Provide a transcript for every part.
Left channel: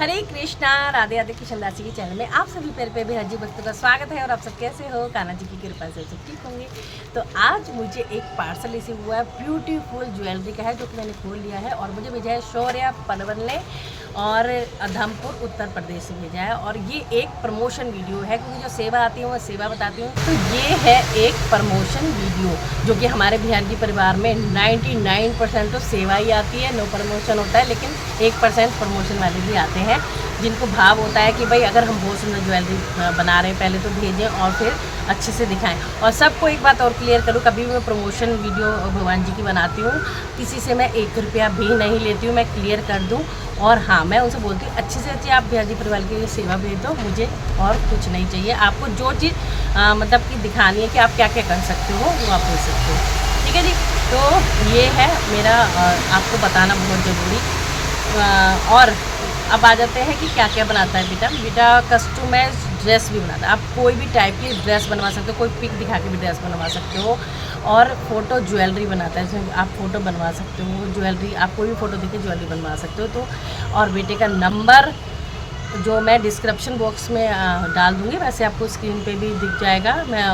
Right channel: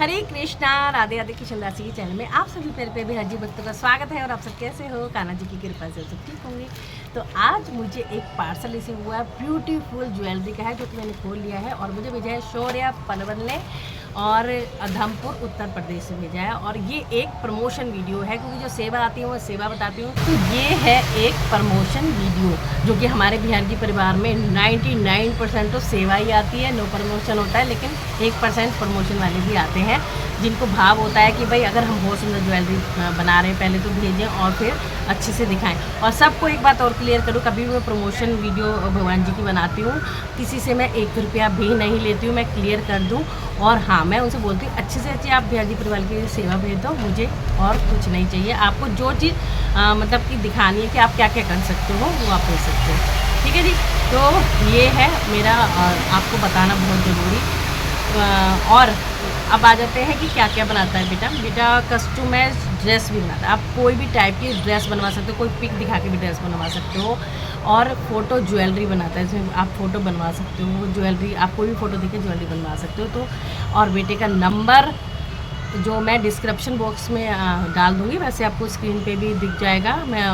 हरे कृष्णा, राधे राधे। किशन दासी के चैनल में आप सभी प्यारे प्यारे बिहार जी भक्तों का स्वागत है। और आप सब कैसे हो? कान्हा जी की कृपा से सब ठीक होंगे। तो आज मुझे एक पार्सल रिसीव हुआ है, ब्यूटीफुल ज्वेलरी का है, जो कि मैंने खोल लिया है और मुझे भेजा है शौर्या पनवल ने और अधमपुर उत्तर प्रदेश से भेजा है। और ये एक प्रमोशन वीडियो है, क्योंकि जो सेवा आती है वो सेवा बताती हूँ। तो ये है एक प्रमोशन वीडियो, जो कि हमारे बिहार जी परिवार में 99% तो सेवा ही आती है, नो प्रमोशन होता है, लेकिन 1% प्रमोशन वाले भी आते हैं, जिनको भाव होता है कि भाई अगर हम बहुत सुंदर ज्वेलरी बना रहे हैं पहले तो भेजें और फिर अच्छे से दिखाएं। और सबको एक बात और क्लियर करूँ, कभी भी मैं प्रमोशन वीडियो भगवान जी की बनाती हूँ, किसी से मैं 1 रुपया भी नहीं लेती हूँ, मैं क्लियर कर दूँ। और हाँ, मैं उनसे बोलती हूँ अच्छे से अच्छी आप बिहार जी परिवार की सेवा भेज दो, मुझे और कुछ नहीं चाहिए। आपको जो चीज़ मतलब कि दिखानी है कि आप क्या क्या कर सकते हो, वो आप भेज सकते हो। ठीक है जी। तो ये है मेरा आपको बताना बहुत ज़रूरी। और अब आ जाते हैं कि क्या क्या बनाता है बेटा। बेटा कस्टमाइज ड्रेस भी बनाता है। आप कोई भी टाइप की ड्रेस बनवा सकते हो, कोई पिक दिखा के भी ड्रेस बनवा सकते हो। और फ़ोटो ज्वेलरी बनाता है, इसमें आप फ़ोटो बनवा सकते हो ज्वेलरी, आप कोई भी फ़ोटो देखे ज्वेलरी बनवा सकते हो। तो और बेटे का नंबर जो मैं डिस्क्रिप्शन बॉक्स में डाल दूँगी, वैसे आपको स्क्रीन पे भी दिख जाएगा। मैं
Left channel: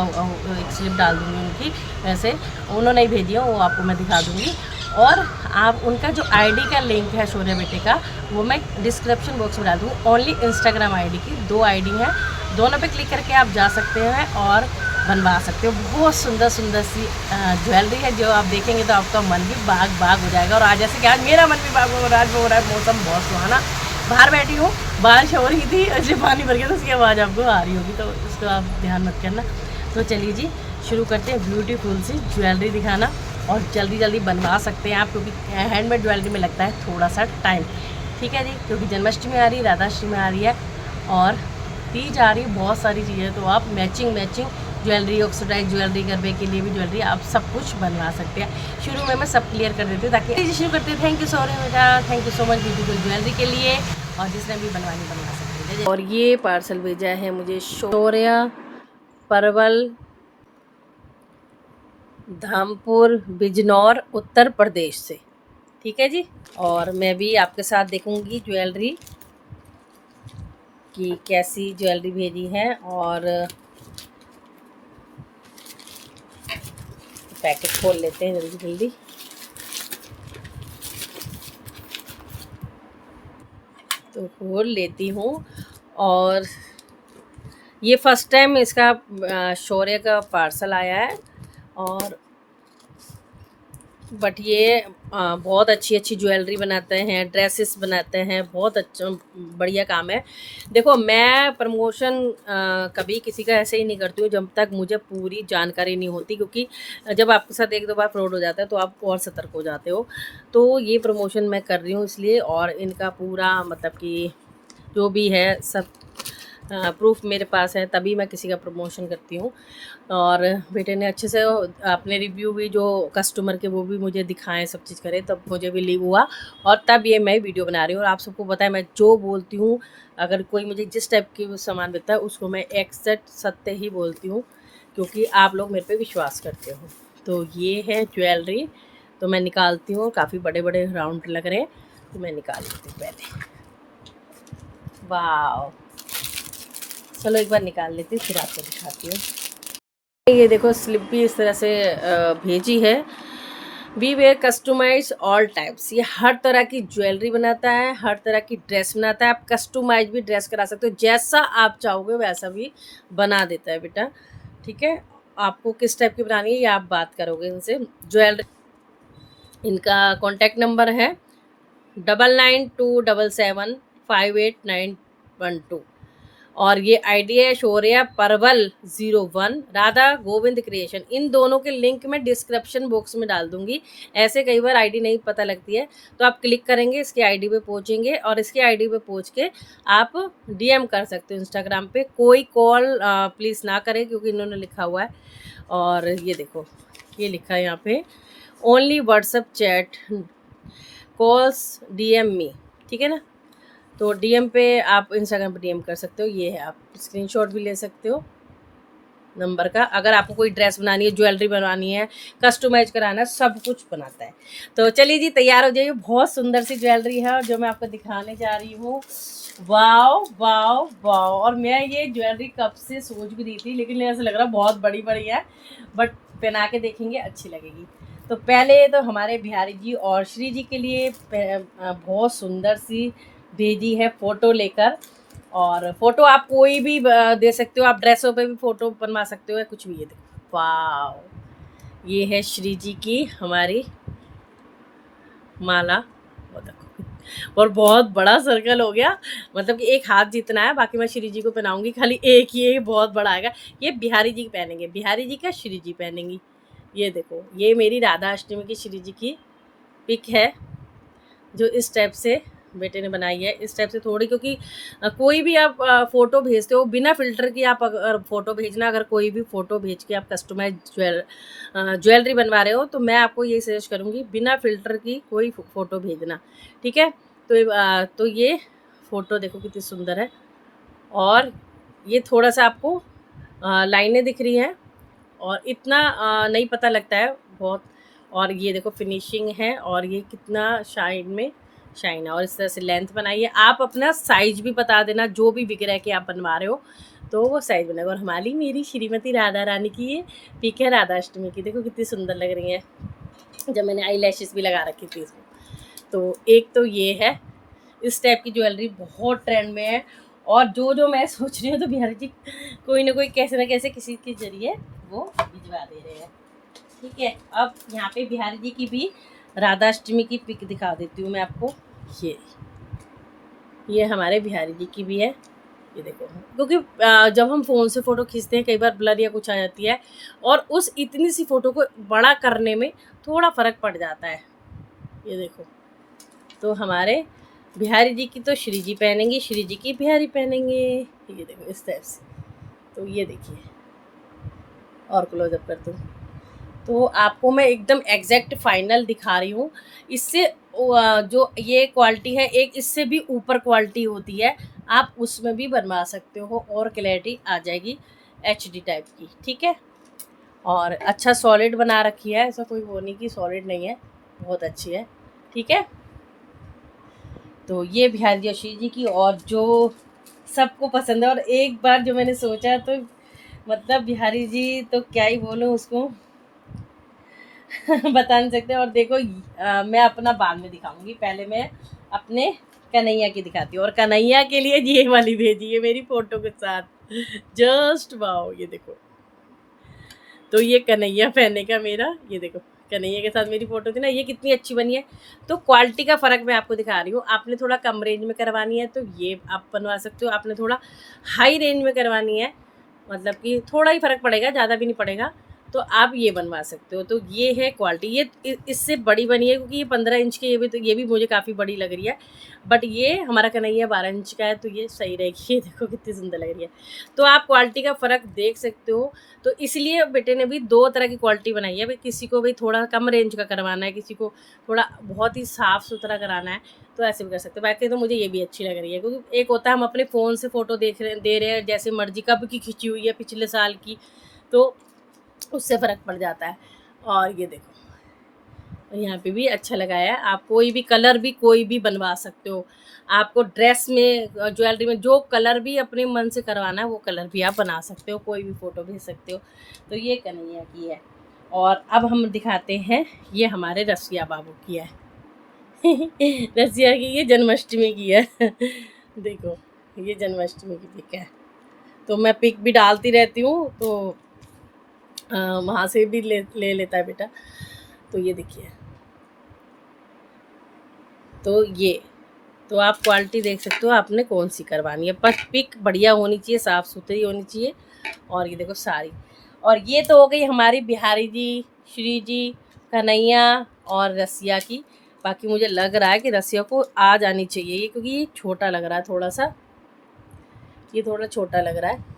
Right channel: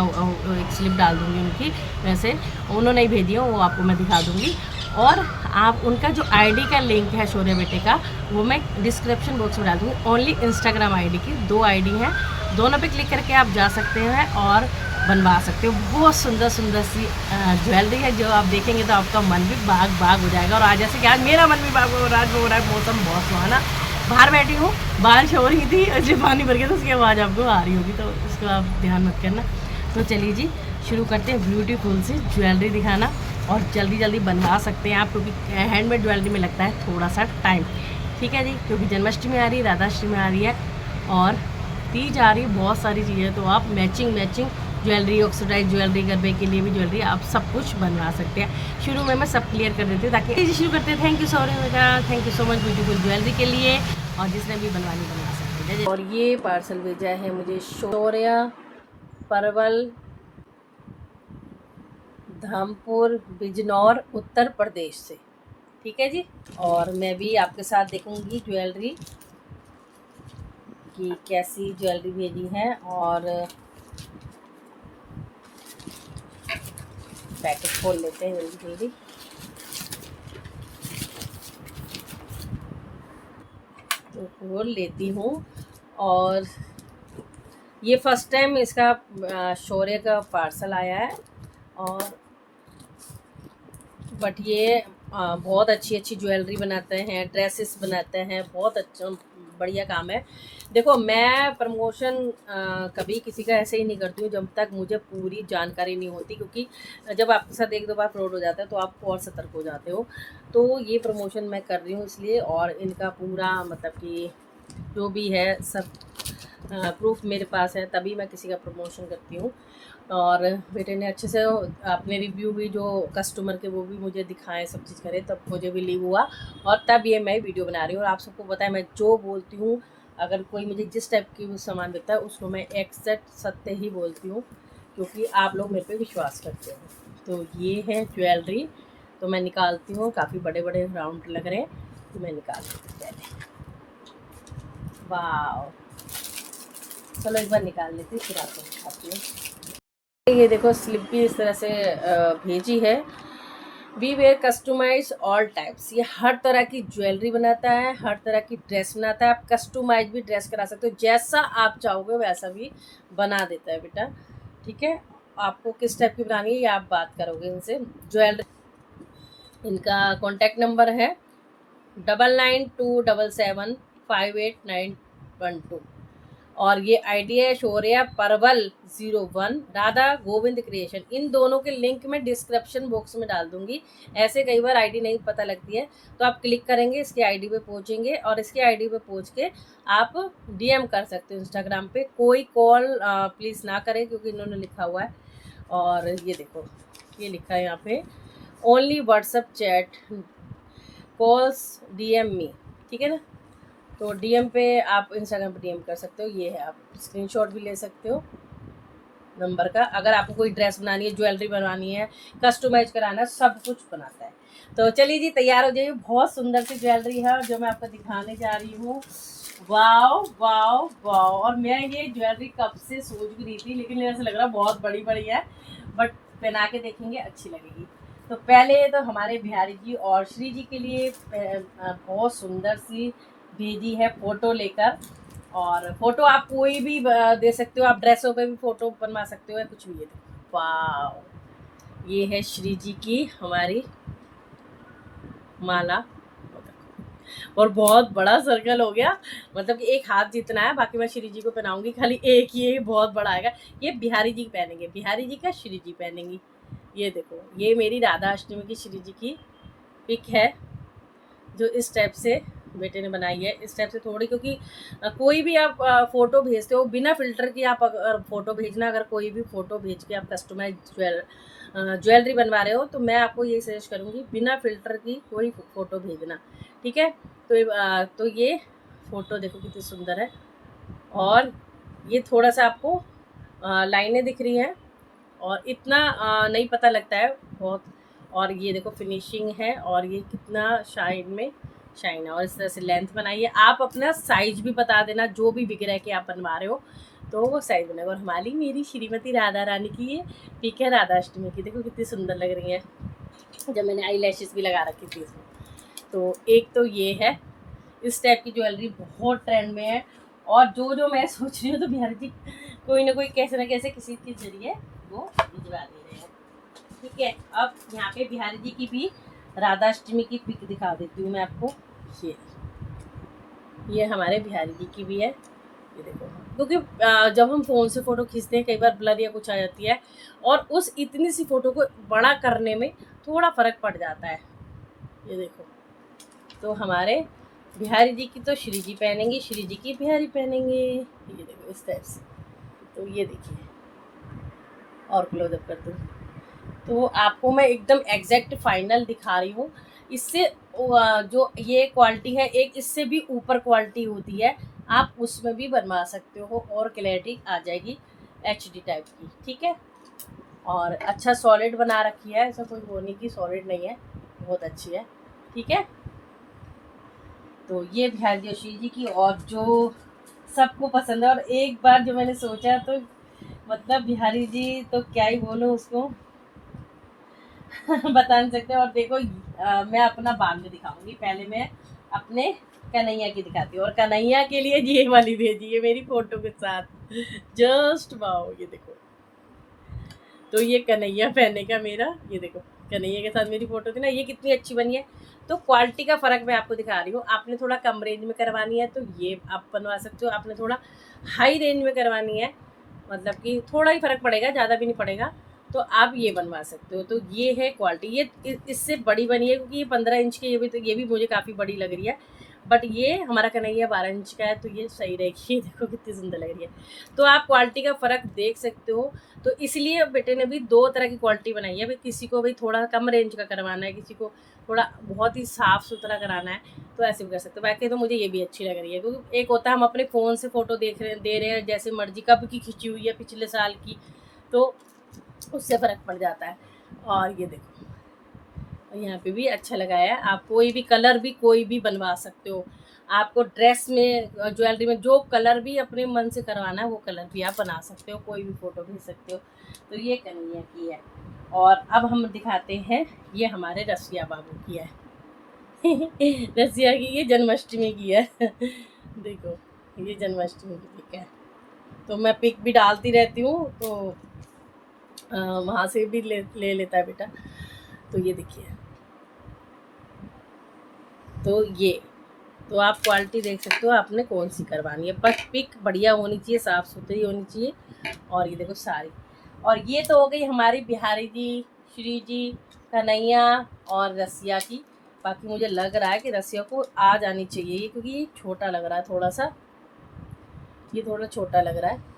एक स्लिप डाल दूँगी उनकी, वैसे उन्होंने ही भेजी है, वो आपको मैं दिखा दूँगी। और आप उनका जो आईडी का लिंक है शौर्य बेटे का, वो मैं डिस्क्रिप्शन बॉक्स में डाल दूँगी। ओनली इंस्टाग्राम आईडी की 2 आईडी हैं, दोनों पे क्लिक करके आप जा सकते हैं और बनवा सकते हो। बहुत सुंदर सुंदर सी ज्वेलरी है, जो आप देखेंगे तो आपका मन भी बाग बाग हो जाएगा। और आज जैसे कि आज मेरा मन भी बाग हो रहा है, मौसम बहुत सुहाना, बाहर बैठी हूँ, बारिश हो रही थी, इसलिए पानी भर गया, तो उसकी आवाज़ आपको आ रही होगी, तो उसको आप ध्यान मत करना। तो चलिए जी, शुरू करते हैं ब्यूटीफुल सी ज्वेलरी दिखाना। और जल्दी जल्दी बनवा सकते हैं आप, क्योंकि हैंडमेड ज्वेलरी में लगता है थोड़ा सा टाइम। ठीक है जी, क्योंकि जन्माष्टमी आ रही है, राधाष्टमी आ रही है और तीज आ रही है, बहुत सारी चीज़ें। तो आप matching matching jewellery, oxidise jewellery, गरबे के लिए भी ज्वेलरी, आप सब कुछ बनवा सकते हैं। शुरू में मैं सब क्लियर कर देती हूँ, ताकि शुरू करते हैं। थैंक यू सो मच बेटा, thank you so much beautiful jewellery के लिए। और जिसने भी बनवानी बनवा सकते हैं। और ये पार्सल भेजा है मुझे शौर्या परवल, धामपुर, बिजनौर, उत्तर प्रदेश से। ठीक है जी। और मैं भी आपके साथ देखूंगी ज्वेलरी कि कैसी ज्वेलरी भेजी है। और पैकेट खोल लेते हैं जल्दी जल्दी। तो खोल लेती हूँ। और ये फर्स्ट टाइम इसका शौर्य का पार्सल आया है। और बट ये बहुत अच्छी अच्छी ज्वेलरी बनाते हैं, ड्रेसेस बनाते हैं, बहुत अच्छा बढ़िया काम है। देखो, मैं प्रमोशन कभी किसी का ऐसे ही नहीं करती हूँ जब तक मुझे पूरी जानकारी नहीं होती, क्योंकि जब आपके साथ 1-2 बार फ्रॉड हो जाता है तो आप और सतर्क हो जाते हो। तो ये प्रमोशन मैं कर रही हूँ इसलिए, और इनका पूरा मतलब कि जो भी है सब प्रूफ मेरे पास है, तभी मैं किसी का प्रमोशन करती हूँ। और बेटे ने अच्छे से अपने रिव्यू भी जो कस्टमर के वो भी मुझे दिखाएं, सब चीज़ करे, तब मुझे भी लीव हुआ। और तब ये मैं वीडियो बना रही हूँ। और आप सबको पता है, मैं जो बोलती हूँ, अगर कोई मुझे जिस टाइप की सामान देता है उसको मैं एग्जैक्ट सत्य ही बोलती हूँ, क्योंकि आप लोग मेरे पे विश्वास करते हो। तो ये है ज्वेलरी, तो मैं निकालती हूँ। काफ़ी बड़े बड़े राउंड लग रहे हैं, तो मैं निकाल लेती हूँ पहले। वाह, चलो एक बार निकाल लेती हूँ, फिर आपको दिखाती हूँ। ये देखो, स्लिप भी इस तरह से भेजी है। We were customise all types, ये हर तरह की ज्वेलरी बनाता है, हर तरह की ड्रेस बनाता है। आप कस्टमाइज भी ड्रेस करा सकते हो, जैसा आप चाहोगे वैसा भी बना देता है बेटा। ठीक है, आपको किस टाइप की बनानी है ये आप बात करोगे इनसे। ज्वेलरी, इनका कॉन्टैक्ट नंबर है 9927758912। और ये आईडी है शौर्या परवल 01, राधा गोविंद क्रिएशन। इन दोनों के लिंक मैं डिस्क्रिप्शन बॉक्स में डाल दूंगी। ऐसे कई बार आईडी नहीं पता लगती है, तो आप क्लिक करेंगे, इसके आईडी पे पहुंचेंगे, और इसके आईडी पे पहुंच के आप डीएम कर सकते हो इंस्टाग्राम पे। कोई कॉल प्लीज़ ना करें, क्योंकि इन्होंने लिखा हुआ है। और ये देखो, ये लिखा है यहाँ पे, only WhatsApp chat, calls DM me. ठीक है ना। तो डीएम पे आप इंस्टाग्राम पे डीएम कर सकते हो। ये है, आप स्क्रीनशॉट भी ले सकते हो। नंबर का। अगर आपको कोई ड्रेस बनानी है, ज्वेलरी बनवानी है, कस्टमाइज कराना है, सब कुछ बनाता है। तो चलिए जी, तैयार हो जाइए। बहुत सुंदर सी ज्वेलरी है जो मैं आपको दिखाने जा रही हूँ। Wow wow wow. और मैं ये ज्वेलरी कब से सोच भी रही थी, लेकिन ऐसा लग रहा बहुत बड़ी बड़ी है, बट पहना के देखेंगे अच्छी लगेगी। तो पहले तो हमारे बिहारी जी और श्री जी के लिए बहुत सुंदर सी भेजी है फ़ोटो लेकर। और फोटो आप कोई भी दे सकते हो, आप ड्रेसों पे भी फोटो बनवा सकते हो या कुछ भी। ये देखो, वाह, ये है श्री जी की हमारी माला। वो देखो, और बहुत बड़ा सर्कल हो गया, मतलब कि एक हाथ जितना है। बाकी मैं श्री जी को पहनाऊंगी, खाली एक ही बहुत बड़ा आएगा। ये बिहारी जी पहनेंगे, बिहारी जी का श्री जी पहनेंगी। ये देखो, ये मेरी राधा अष्टमी की श्री जी की पिक है, जो इस टाइप से बेटे ने बनाई है। इस टाइप से थोड़ी, क्योंकि कोई भी आप फ़ोटो भेजते हो बिना फ़िल्टर की, आप अगर फ़ोटो भेजना, अगर कोई भी फ़ोटो भेज के आप कस्टमाइज ज्वेलरी बनवा रहे हो, तो मैं आपको यही सजेस्ट करूँगी बिना फ़िल्टर की कोई फ़ोटो भेजना, ठीक है। तो ये फ़ोटो देखो कितनी सुंदर है। और ये थोड़ा सा आपको लाइनें दिख रही हैं, और इतना नहीं पता लगता है बहुत। और ये देखो फिनिशिंग है, और ये कितना शाइन है। और इस तरह से लेंथ बनाइए। आप अपना साइज भी बता देना, जो भी बिक रहा है कि आप बनवा रहे हो, तो वो साइज बनाएगा। और हमारी मेरी श्रीमती राधा रानी की ये पिक है राधा अष्टमी की। देखो कितनी सुंदर लग रही है, जब मैंने आई लैशेस भी लगा रखी थी इसमें। तो एक तो ये है, इस टाइप की ज्वेलरी बहुत ट्रेंड में है। और जो मैं सोच रही हूँ, तो बिहारी जी कोई ना कोई कैसे ना कैसे किसी के जरिए वो भिजवा दे रहे हैं, ठीक है। अब यहाँ पे बिहारी जी की भी राधा अष्टमी की पिक दिखा देती हूँ मैं आपको। ये हमारे बिहारी जी की भी है। ये देखो, क्योंकि जब हम फ़ोन से फ़ोटो खींचते हैं, कई बार ब्लर या कुछ आ जाती है, और उस इतनी सी फ़ोटो को बड़ा करने में थोड़ा फ़र्क पड़ जाता है। ये देखो, तो हमारे बिहारी जी की तो श्री जी पहनेंगे, श्री जी की बिहारी पहनेंगे। ये देखो इस टाइप से। तो ये देखिए, और क्लोजअप करते हूँ, तो आपको मैं एकदम एग्जैक्ट फाइनल दिखा रही हूँ। इससे जो ये क्वालिटी है, एक इससे भी ऊपर क्वालिटी होती है, आप उसमें भी बनवा सकते हो, और क्लैरिटी आ जाएगी HD टाइप की, ठीक है। और अच्छा सॉलिड बना रखी है, ऐसा कोई वो नहीं कि सॉलिड नहीं है, बहुत अच्छी है, ठीक है। तो ये बिहारी जोशी जी की, और जो सबको पसंद है। और एक बार जो मैंने सोचा, तो मतलब बिहारी जी तो क्या ही बोलूँ उसको बता नहीं सकते। और देखो, मैं अपना बाद में दिखाऊंगी, पहले मैं अपने कन्हैया की दिखाती हूँ। और कन्हैया के लिए ये वाली भेजी है मेरी फ़ोटो के साथ, जस्ट वाओ। ये देखो, तो ये कन्हैया पहने का मेरा, ये देखो कन्हैया के साथ मेरी फ़ोटो थी ना, ये कितनी अच्छी बनी है। तो क्वालिटी का फ़र्क मैं आपको दिखा रही हूँ। आपने थोड़ा कम रेंज में करवानी है, तो ये आप बनवा सकते हो। आपने थोड़ा हाई रेंज में करवानी है, मतलब कि थोड़ा ही फ़र्क पड़ेगा, ज़्यादा भी नहीं पड़ेगा, तो आप ये बनवा सकते हो। तो ये है क्वालिटी। ये इससे बड़ी बनी है, क्योंकि ये 15 इंच की, ये भी मुझे काफ़ी बड़ी लग रही है, बट ये हमारा कन्हैया 12 इंच का है, तो ये सही रहेगी। ये देखो कितनी सुंदर लग रही है। तो आप क्वालिटी का फ़र्क देख सकते हो। तो इसलिए बेटे ने भी 2 तरह की क्वालिटी बनाई है। भाई किसी को भी थोड़ा कम रेंज का करवाना है, किसी को थोड़ा बहुत ही साफ़ सुथरा कराना है, तो ऐसे भी कर सकते हैं। बाकी तो मुझे ये भी अच्छी लग रही है, क्योंकि एक होता है हम अपने फ़ोन से फ़ोटो दे रहे हैं जैसे मर्ज़ी, कब की खिंची हुई है, पिछले साल की, तो उससे फ़र्क पड़ जाता है। और ये देखो, यहाँ पे भी अच्छा लगाया है। आप कोई भी कलर भी कोई भी बनवा सकते हो। आपको ड्रेस में, ज्वेलरी में जो कलर भी अपने मन से करवाना है, वो कलर भी आप बना सकते हो, कोई भी फ़ोटो भेज सकते हो। तो ये कन्हैया की है। और अब हम दिखाते हैं, ये हमारे रसिया बाबू की है। रसिया की ये जन्माष्टमी की है। देखो, ये जन्माष्टमी की पिक है। तो मैं पिक भी डालती रहती हूँ, तो वहाँ से भी ले लेता है बेटा। तो ये देखिए, तो ये, तो आप क्वालिटी देख सकते हो आपने कौन सी करवानी है, बस पिक बढ़िया होनी चाहिए, साफ़ सुथरी होनी चाहिए। और ये देखो साड़ी। और ये तो हो गई हमारी बिहारी जी, श्री जी, कन्हैया और रसिया की। बाकी मुझे लग रहा है कि रसिया को आ जानी चाहिए ये, क्योंकि ये छोटा लग रहा है थोड़ा सा, ये थोड़ा छोटा लग रहा है।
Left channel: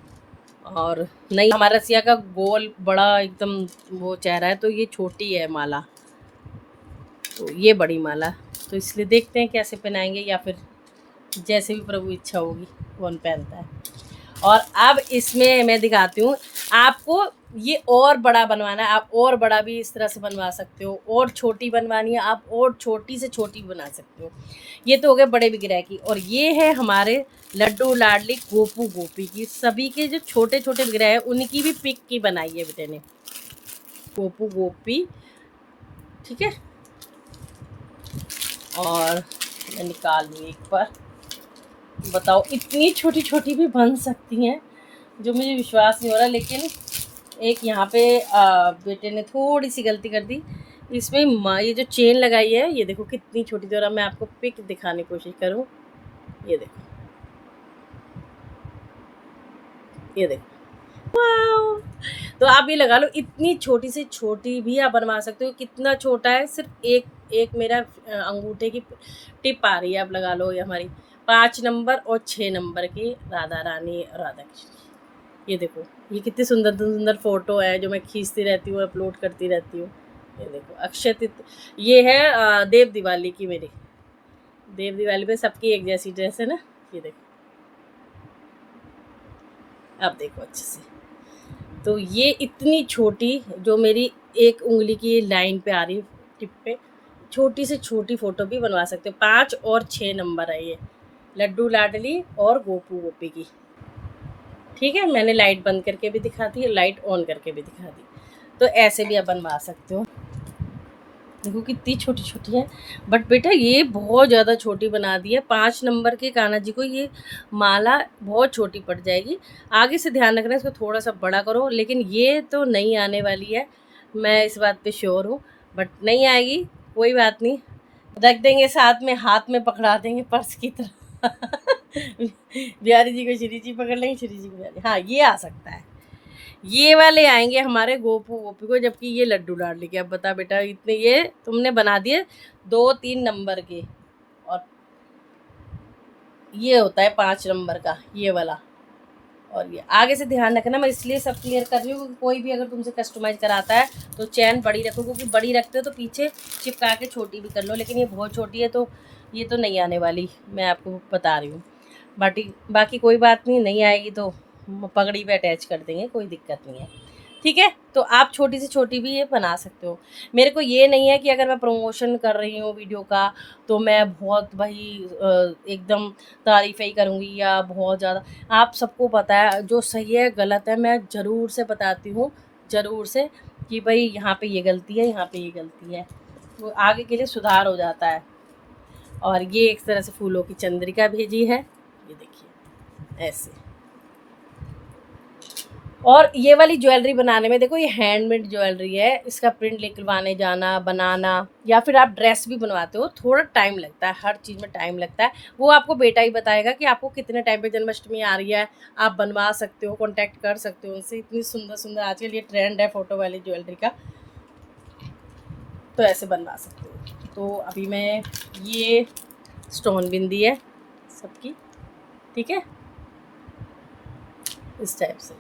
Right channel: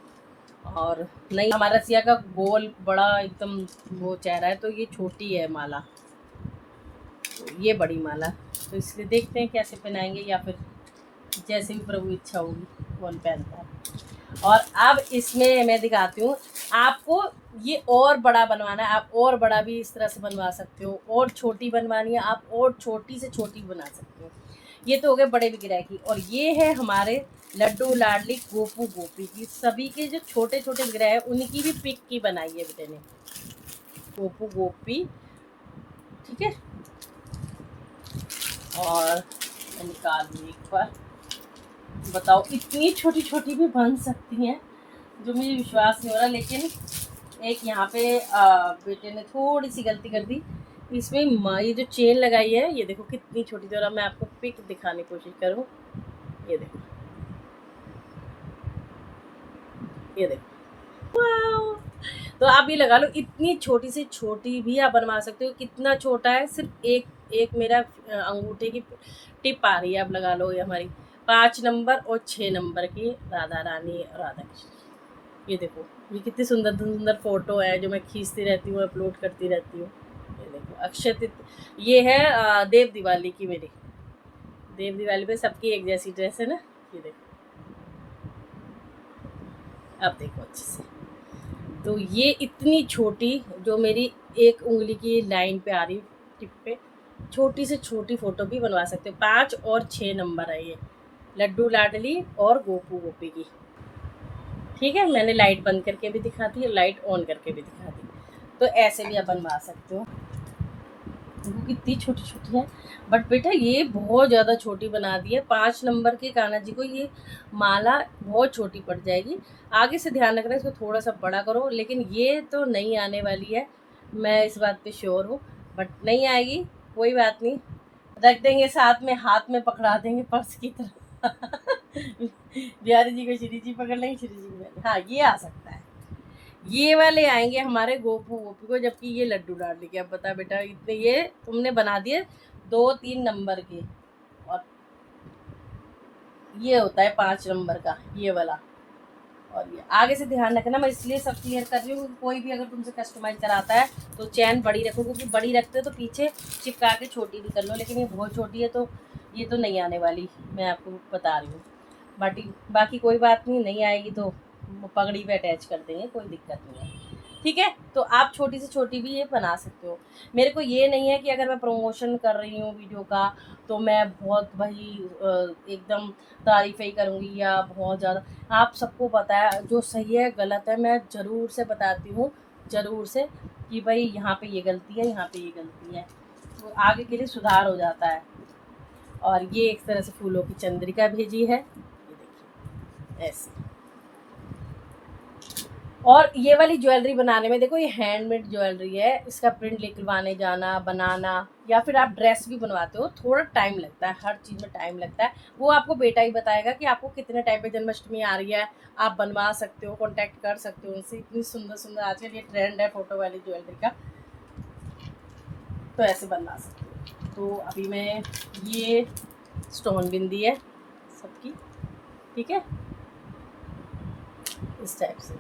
और नहीं, हमारा रसिया का गोल बड़ा एकदम वो चेहरा है, तो ये छोटी है माला, तो ये बड़ी माला। तो इसलिए देखते हैं कैसे पहनाएंगे, या फिर जैसे भी प्रभु इच्छा होगी कौन पहनता है। और अब इसमें मैं दिखाती हूँ आपको। ये और बड़ा बनवाना है, आप और बड़ा भी इस तरह से बनवा सकते हो, और छोटी बनवानी है आप और छोटी से छोटी बना सकते हो। ये तो हो गए बड़े विग्रह की। और ये है हमारे लड्डू लाडली गोपू गोपी की, सभी के जो छोटे छोटे विग्रह है उनकी भी पिक की बनाई है बेटे ने, गोपू गोपी। ठीक है, और मैं निकाल लूँ एक बार। बताओ इतनी छोटी छोटी भी बन सकती हैं, जो मुझे विश्वास नहीं हो रहा। लेकिन एक यहाँ पे बेटे ने थोड़ी सी गलती कर दी, इसमें ये जो चेन लगाई है ये देखो कितनी छोटी थी। और मैं आपको पिक दिखाने की कोशिश करूँ, ये देखो, ये देखो, वाओ। तो आप ये लगा लो, इतनी छोटी से छोटी भी आप बनवा सकते हो। कितना छोटा है, सिर्फ एक एक मेरा अंगूठे की टिप आ रही है। आप लगा लो, ये हमारी 5 नंबर और 6 नंबर की राधा रानी राधा कृष्ण। ये देखो, ये कितनी सुंदर सुंदर फोटो है जो मैं खींचती रहती हूँ, अपलोड करती रहती हूँ। ये देखो अक्षय तृतीया, ये है देव दिवाली की मेरी। देव दिवाली पे सबकी एक जैसी ड्रेस है ना। ये देखो, आप देखो अच्छे से। तो ये इतनी छोटी, जो मेरी एक उंगली की लाइन पे आ रही टिप पे, छोटी से छोटी फ़ोटो भी बनवा सकते हो। 5 और 6 नंबर है ये, लड्डू लाडली और गोपू गोपी की। ठीक है, मैंने लाइट बंद करके भी दिखा दी, लाइट ऑन करके भी दिखा दी। तो ऐसे भी आप बनवा सकते हो। देखो कितनी छोटी छोटी है, बट बेटा ये बहुत ज़्यादा छोटी बना दी है। 5 नंबर के कान्हा जी को ये माला बहुत छोटी पड़ जाएगी। आगे से ध्यान रखना, इसको थोड़ा सा बड़ा करो। लेकिन ये तो नहीं आने वाली है, मैं इस बात पे श्योर हूँ। बट नहीं आएगी, कोई बात नहीं, रख देंगे साथ में, हाथ में पकड़ा देंगे पर्स की तरह। बिहारी जी को श्री जी पकड़ लेंगे, श्री जी को बिहारी। हाँ, ये आ सकता है। ये वाले आएंगे हमारे गोपू गोपी को, जबकि ये लड्डू डाल के। अब बता बेटा, इतने ये तुमने बना दिए 2-3 नंबर के, और ये होता है 5 नंबर का ये वाला। और ये आगे से ध्यान रखना, मैं इसलिए सब क्लियर कर रही हूँ क्योंकि कोई भी अगर तुमसे कस्टमाइज कराता है तो चैन बड़ी रखो, क्योंकि बड़ी रखते हो तो पीछे चिपका के छोटी भी कर लो। लेकिन ये बहुत छोटी है, तो ये तो नहीं आने वाली, मैं आपको बता रही हूँ। बाकी कोई बात नहीं, नहीं आएगी तो पगड़ी पे अटैच कर देंगे, कोई दिक्कत नहीं है। ठीक है, तो आप छोटी से छोटी भी ये बना सकते हो। मेरे को ये नहीं है कि अगर मैं प्रमोशन कर रही हूँ वीडियो का तो मैं बहुत भाई एकदम तारीफ़ ही करूँगी या बहुत ज़्यादा। आप सबको पता है जो सही है गलत है, मैं ज़रूर से बताती हूँ, ज़रूर से, कि भाई यहाँ पे ये गलती है, यहाँ पे ये गलती है, तो आगे के लिए सुधार हो जाता है। और ये एक तरह से फूलों की चंद्रिका भेजी है, ये देखिए ऐसे। और ये वाली ज्वेलरी बनाने में देखो, ये हैंडमेड ज्वेलरी है, इसका प्रिंट निकलवाने जाना, बनाना, या फिर आप ड्रेस भी बनवाते हो, थोड़ा टाइम लगता है, हर चीज़ में टाइम लगता है। वो आपको बेटा ही बताएगा कि आपको कितने टाइम पे जन्माष्टमी आ रही है। आप बनवा सकते हो, कॉन्टैक्ट कर सकते हो उनसे। इतनी सुंदर सुंदर आजकल ये ट्रेंड है फ़ोटो वाली ज्वेलरी का, तो ऐसे बनवा सकते हो। तो अभी मैं ये स्टोन बिंदी है सबकी, ठीक है, इस टाइप से।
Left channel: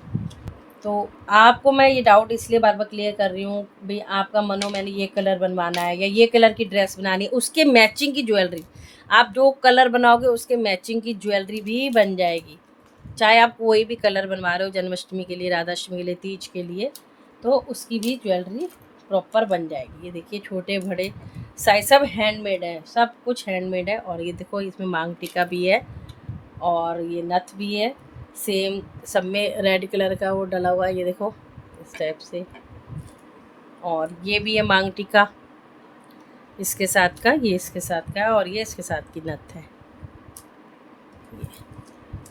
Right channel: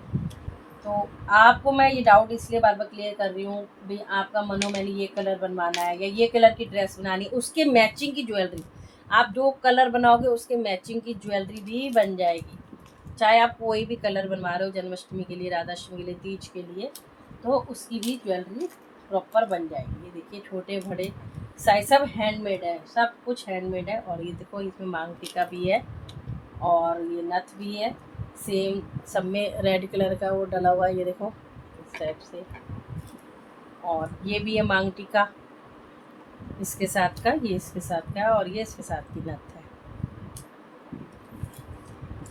तो आपको मैं ये डाउट इसलिए बार बार क्लियर कर रही हूँ भाई, आपका मनो मैंने ये कलर बनवाना है या ये कलर की ड्रेस बनानी है, उसके मैचिंग की ज्वेलरी, आप जो कलर बनाओगे उसके मैचिंग की ज्वेलरी भी बन जाएगी। चाहे आप कोई भी कलर बनवा रहे हो जन्माष्टमी के लिए, राधाष्टमी के लिए, तीज के लिए, तो उसकी भी ज्वेलरी प्रॉपर बन जाएगी। ये देखिए छोटे बड़े साइज सब हैंडमेड है, सब कुछ हैंडमेड है। और ये देखो इसमें मांग टीका भी है और ये नथ भी है, सेम सब में रेड कलर का वो डला हुआ है, ये देखो इस टाइप से। और ये भी है मांग टीका इसके साथ का, ये इसके साथ का है, और ये इसके साथ की नथ है।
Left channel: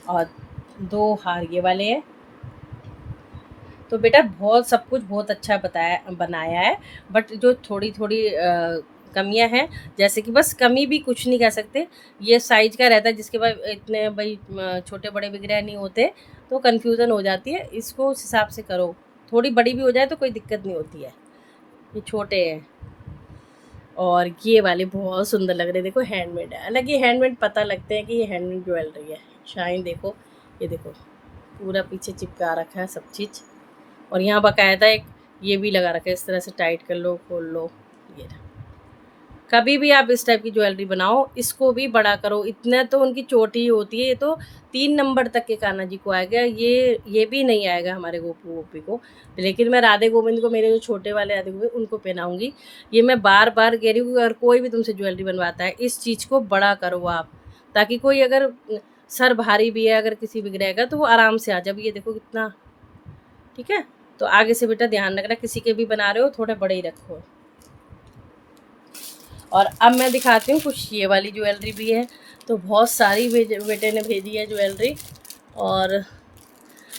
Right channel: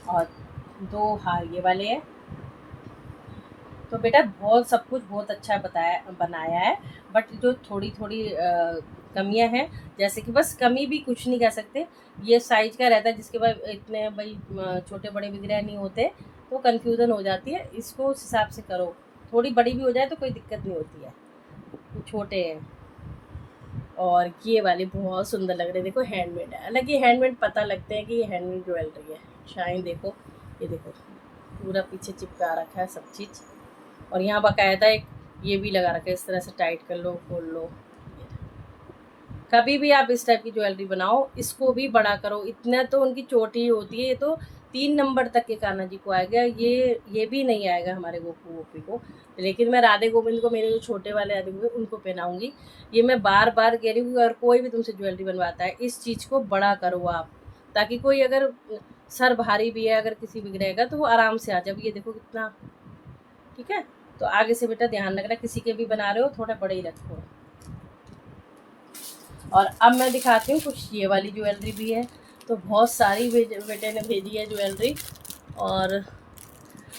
और 2 हार ये वाले हैं। तो बेटा बहुत सब कुछ बहुत अच्छा बनाया है, बट जो थोड़ी थोड़ी कमियां हैं, जैसे कि बस कमी भी कुछ नहीं कह सकते, ये साइज का रहता है, जिसके बाद इतने भाई छोटे बड़े विग्रह नहीं होते तो कन्फ्यूज़न हो जाती है। इसको उस हिसाब से करो, थोड़ी बड़ी भी हो जाए तो कोई दिक्कत नहीं होती है। ये छोटे हैं और ये वाले बहुत सुंदर लग रहे हैं, देखो हैंडमेड है। हालांकि हैंडमेड पता लगते हैं कि ये हैंडमेड ज्वेलरी है। शाइन देखो, ये देखो पूरा पीछे चिपका रखा है सब चीज़। और यहाँ बाकायदा एक ये भी लगा रखा है, इस तरह से टाइट कर लो, खोल लो, ये कभी भी आप इस टाइप की ज्वेलरी बनाओ, इसको भी बड़ा करो, इतना तो उनकी चोटी ही होती है। ये तो 3 नंबर तक के कान्हा जी को आएगा, ये भी नहीं आएगा हमारे गोपू गोपी को। लेकिन मैं राधे गोविंद को, मेरे जो छोटे वाले राधे गोविंद, उनको पहनाऊंगी। ये मैं बार बार कह रही हूँ, और कोई भी तुमसे ज्वेलरी बनवाता है, इस चीज़ को बड़ा करो आप, ताकि कोई अगर सर भारी भी है, अगर किसी बिगड़ेगा तो वो आराम से आ जाए। ये देखो कितना, ठीक है। तो आगे से बेटा ध्यान रखना, किसी के भी बना रहे हो थोड़े बड़े ही रखो। और अब मैं दिखाती हूँ कुछ ये वाली ज्वेलरी भी है। तो बहुत सारी बेटे ने भेजी है ज्वेलरी, और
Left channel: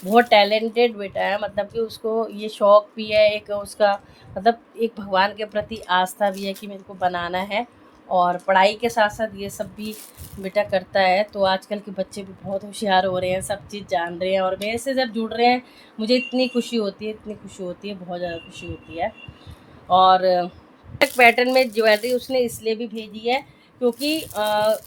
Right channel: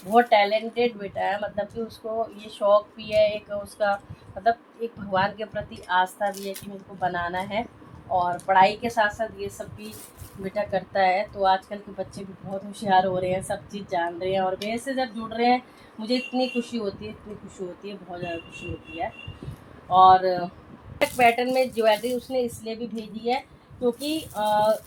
बहुत टैलेंटेड बेटा है, मतलब कि उसको ये शौक़ भी है एक उसका, मतलब एक भगवान के प्रति आस्था भी है कि मेरे को बनाना है, और पढ़ाई के साथ साथ ये सब भी बेटा करता है। तो आजकल के बच्चे भी बहुत होशियार हो रहे हैं, सब चीज़ जान रहे हैं, और मेरे से जब जुड़ रहे हैं मुझे इतनी खुशी होती है, इतनी खुशी होती है, बहुत ज़्यादा खुशी होती है। और पैटर्न में ज्वेलरी उसने इसलिए भी भेजी है क्योंकि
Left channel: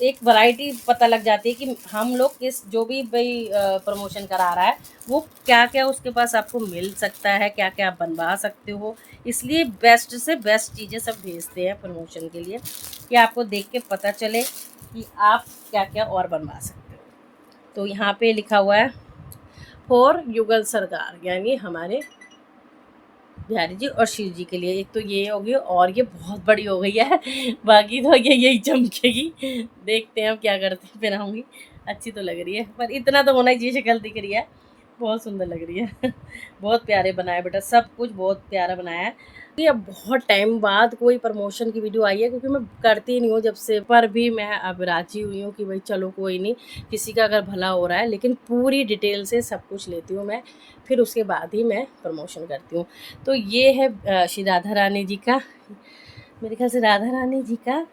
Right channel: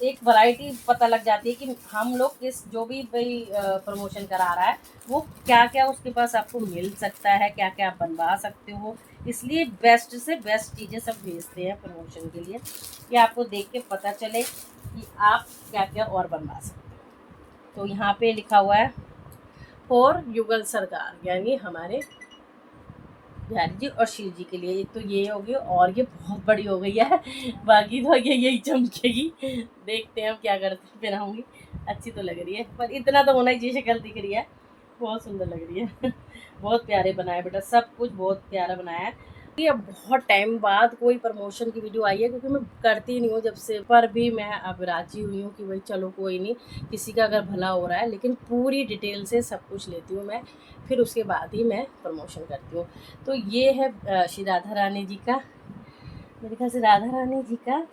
एक वैरायटी पता लग जाती है कि हम लोग किस, जो भी भाई प्रमोशन करा रहा है वो क्या क्या उसके पास आपको मिल सकता है, क्या क्या आप बनवा सकते हो। इसलिए बेस्ट से बेस्ट चीज़ें सब भेजते हैं प्रमोशन के लिए, कि आपको देख के पता चले कि आप क्या क्या और बनवा सकते हो। तो यहाँ पे लिखा हुआ है फॉर युगल सरदार, यानी हमारे बिहारी जी और शिव जी के लिए। एक तो ये होगी, और ये बहुत बड़ी हो गई है, बाकी तो ये यही चमकेगी। देखते हैं हम क्या करते हैं, पहनाऊँगी। अच्छी तो लग रही है, पर इतना तो होना ही चाहिए, शक्ल दिख रही है, बहुत सुंदर लग रही है। बहुत प्यारे बनाया बेटा, सब कुछ बहुत प्यारा बनाया है। ये अब बहुत टाइम बाद कोई प्रमोशन की वीडियो आई है, क्योंकि मैं करती नहीं हूँ जब से, पर भी मैं अब राजी हुई हूँ कि भाई चलो कोई नहीं, किसी का अगर भला हो रहा है, लेकिन पूरी डिटेल से सब कुछ लेती हूँ मैं, फिर उसके बाद ही मैं प्रमोशन करती हूँ। तो ये है श्री राधा रानी जी का, मेरे ख्याल से राधा रानी जी का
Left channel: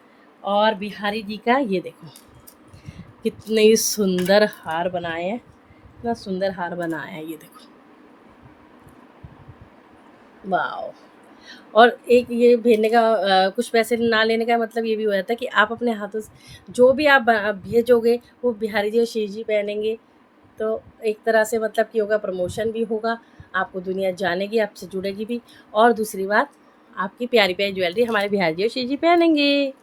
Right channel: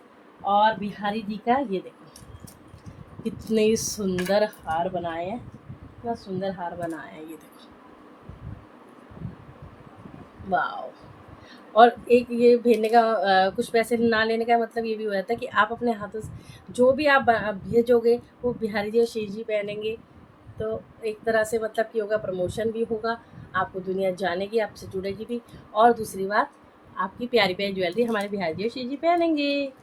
और बिहारी जी का। ये देखो कितने सुंदर हार बनाए हैं, इतना सुंदर हार बनाया है, ये देखो, वाह। और एक ये भेजने का कुछ पैसे ना लेने का मतलब ये भी हो जाता है कि आप अपने हाथों से जो भी आप भेजोगे वो बिहारी जी और श्री जी पहनेंगे, तो एक तरह से मतलब कि होगा, प्रमोशन भी होगा, आपको दुनिया जानेगी, आपसे जुड़ेगी भी, और दूसरी बात आपकी प्यारी प्यारी ज्वेलरी हमारे बिहारी जी और श्री जी पहनेंगे।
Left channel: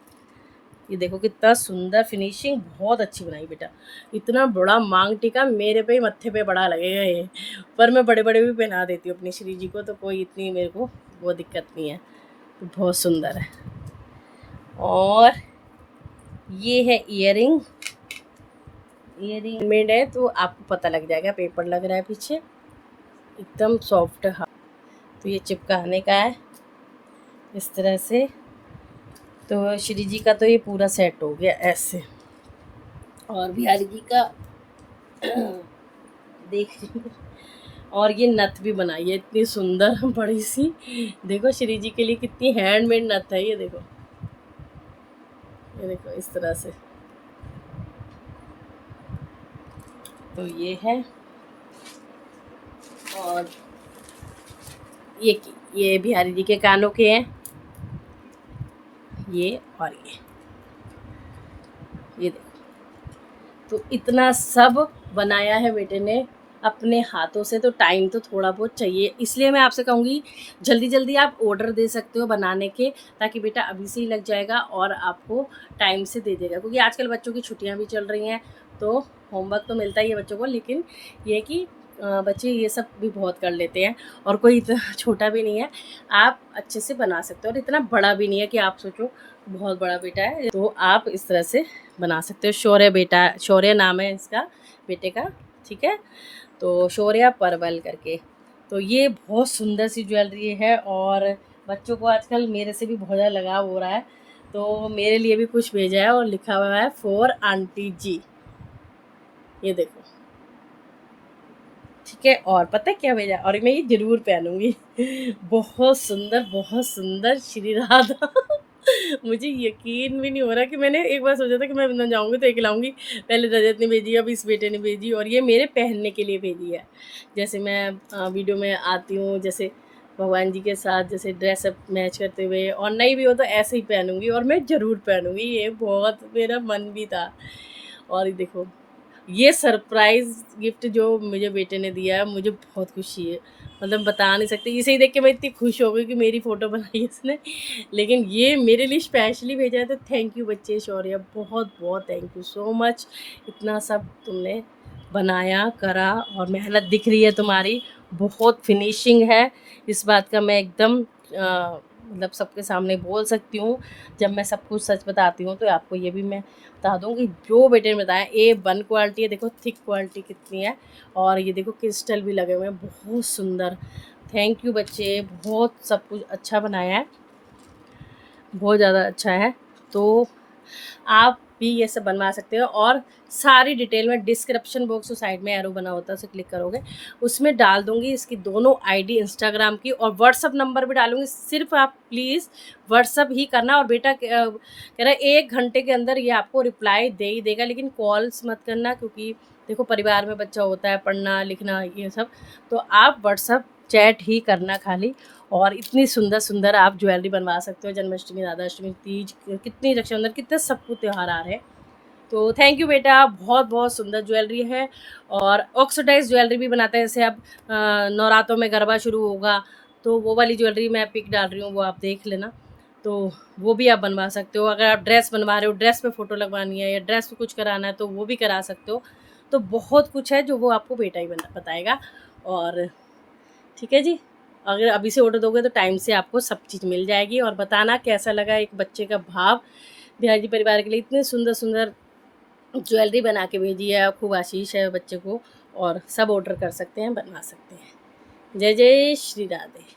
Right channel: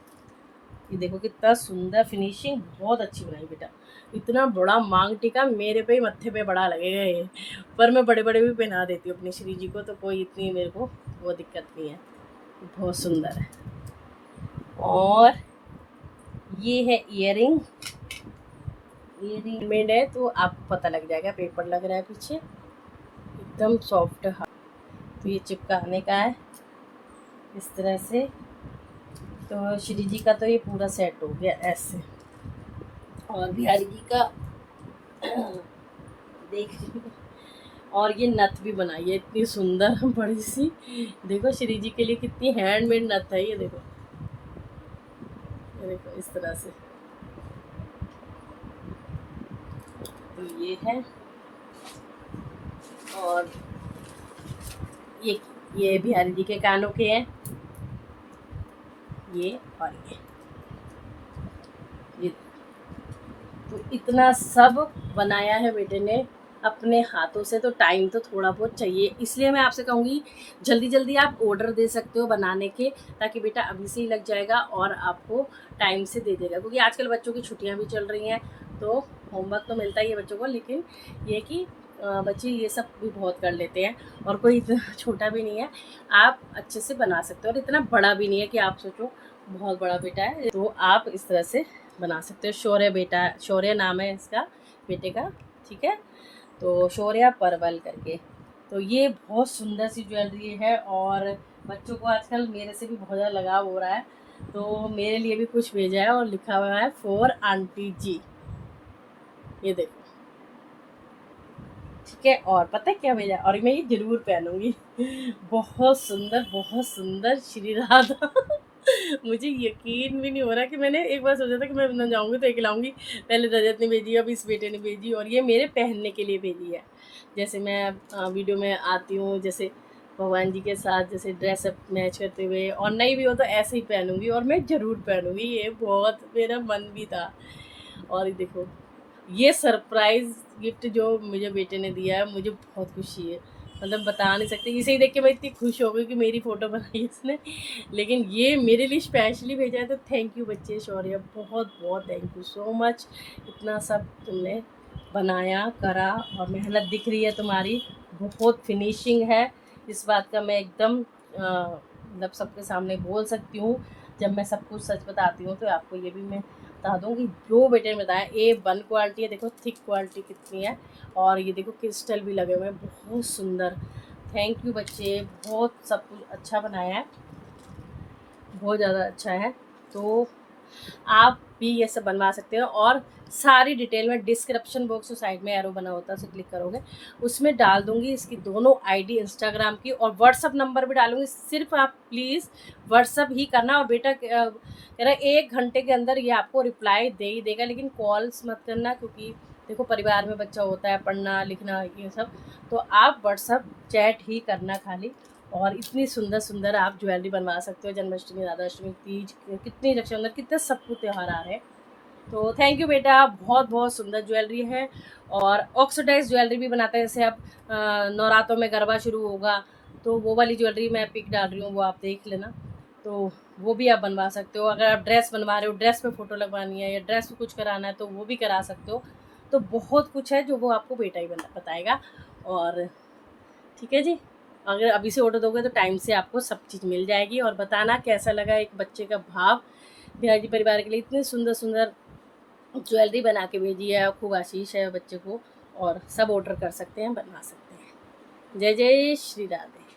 ये देखो कितना सुंदर फिनिशिंग, बहुत अच्छी बनाई बेटा। इतना बड़ा मांग टीका मेरे पे मत्थे पे बड़ा लगेगा ये, पर मैं बड़े बड़े भी पहना देती हूँ अपनी श्री जी को, तो कोई इतनी मेरे को वो दिक्कत नहीं है। तो बहुत सुंदर है। और ये है ईयरिंग मेड है, तो आपको पता लग जाएगा, पेपर लग रहा है पीछे, एकदम सॉफ्ट है। तो ये चिपकाने का है इस तरह से। तो श्री जी का तो ये पूरा सेट हो गया ऐसे, और बिहारी जी का देख, और ये नथ भी बनाई है इतनी सुंदर बड़ी सी, देखो श्री जी के लिए कितनी हैंडमेड नथ है, ये देखो, ये देखो इस तरह से। तो ये है, और ये बिहारी जी के कानों के हैं, ये और ये देखो। तो इतना सब बनाया है बेटे ने अपने हाथों से, तो टाइम तो थोड़ा बहुत चाहिए, इसलिए मैं आपसे कहूँगी जल्दी जल्दी आप ऑर्डर दे सकते हो बनाने के, ताकि बेटा अभी से ही लग जाएगा और आपको टाइम से दे देगा। क्योंकि आजकल बच्चों की छुट्टियां भी चल रही हैं, तो होमवर्क तो मिलता ही है बच्चों को, लेकिन ये कि बच्चे ये सब भी बहुत कर लेते हैं, और कोई इतना छोटा भी नहीं है, आप अच्छे से बना सकते हो, और इतना बड़ा भी नहीं है कि आप सोचो बहुत बड़ा बेटा है। तो आप इस तरह से बना सकते हो। शौर्य बेटा, शौर्य नाम है इसका बेटे का, ठीक है। तो शौर्य परवल करके। तो ये बहुत सुंदर सी ज्वेलरी है, और बच्चों को आजकल मेरे से भी बहुत ज़्यादा लगाव हो रहा है, तो मेरे लिए भी कुछ भेजा है, और लिखा हुआ है फॉर आंटी जी, ये देखो, ठीक है। और पता है क्या भेजा, और मैं ये ज़रूर पहनूंगी। बहुत सुंदर श्री राधा। मुझे यकीन भी नहीं हो रहा कि मैंने एक बार सोचा था कि मैं वृंदावन जाऊँगी तो एक लाऊंगी, पहले रजत ने भेजी, अब इस बेटे ने भेजी, और ये मेरे पहनने के लिए भेजी है। जैसे मैं वीडियो में आती हूँ, जैसे भगवान जी के साथ जैसे ड्रेसअप मैच करते हुए, और नहीं भी हो तो ऐसे ही पहनूंगी, और मैं ज़रूर पहनूंगी, ये बहुत मेरा मन भी था। और ये देखो, ये सरप्राइज़ गिफ्ट जो मुझे बेटे ने दिया है, मुझे बहुत खुशी है, मतलब बता नहीं सकते। इसे ही देख के मैं इतनी खुश हो गई कि मेरी फ़ोटो बनाई उसने, लेकिन ये मेरे लिए स्पेशली भेजा है। तो थैंक यू बच्चे, शौर्य बहुत बहुत थैंक यू सो मच। इतना सब तुमने बनाया करा और मेहनत दिख रही है तुम्हारी, बहुत फिनिशिंग है। इस बात का मैं एकदम मतलब सबके सामने बोल सकती हूँ। जब मैं सब कुछ सच बताती हूँ तो आपको ये भी मैं बता दूँ कि जो बेटे ने बताया A1 क्वालिटी है। देखो थिक क्वालिटी कितनी है, और ये देखो क्रिस्टल भी लगे हुए हैं, बहुत सुंदर। थैंक यू बच्चे, बहुत सब कुछ अच्छा बनाया है, बहुत ज़्यादा अच्छा है। तो आप भी ये सब बनवा सकते हो, और सारी डिटेल में डिस्क्रिप्शन बॉक्स और साइड में एरो बना होता है, उसे क्लिक करोगे उसमें डाल दूंगी इसकी दोनों आईडी इंस्टाग्राम की, और व्हाट्सअप नंबर भी डालूंगी। सिर्फ आप प्लीज़ व्हाट्सअप ही करना। और बेटा कह रहा है 1 घंटे के अंदर ये आपको रिप्लाई दे ही देगा, लेकिन कॉल्स मत करना, क्योंकि देखो परिवार में बच्चा होता है, पढ़ना लिखना ये सब। तो आप व्हाट्सअप चैट ही करना खाली। और इतनी सुंदर सुंदर आप ज्वेलरी बनवा सकते हो। जन्माष्टमी, राधाष्टमी, तीज, कितनी रक्षाबंधन, कितने सब कुछ त्यौहार आ रहे हैं। तो थैंक यू बेटा, बहुत बहुत सुंदर ज्वेलरी है। और ऑक्सीडाइज ज्वेलरी भी बनाते हैं, जैसे अब नवरात्रों में गरबा शुरू होगा तो वो वाली ज्वेलरी मैं पिक डाल रही हूँ, वो आप देख लेना। तो वो भी आप बनवा सकते हो। अगर आप ड्रेस बनवा रहे हो, ड्रेस पे फ़ोटो लगवानी है या ड्रेस पे कुछ कराना है तो वो भी करा सकते हो। तो बहुत कुछ है जो वो आपको बेटा ही बताएगा। और ठीक है जी, अगर अभी से ऑर्डर दोगे तो टाइम से आपको सब चीज़ मिल जाएगी। और बताना कैसा लगा एक बच्चे का भाव। बिहारी परिवार के लिए इतने सुंदर सुंदर ज्वेलरी बना के भेजी है, खूब आशीष है बच्चे को। और सब ऑर्डर कर सकते हैं, बनवा सकते हैं। जय जय श्री राधे।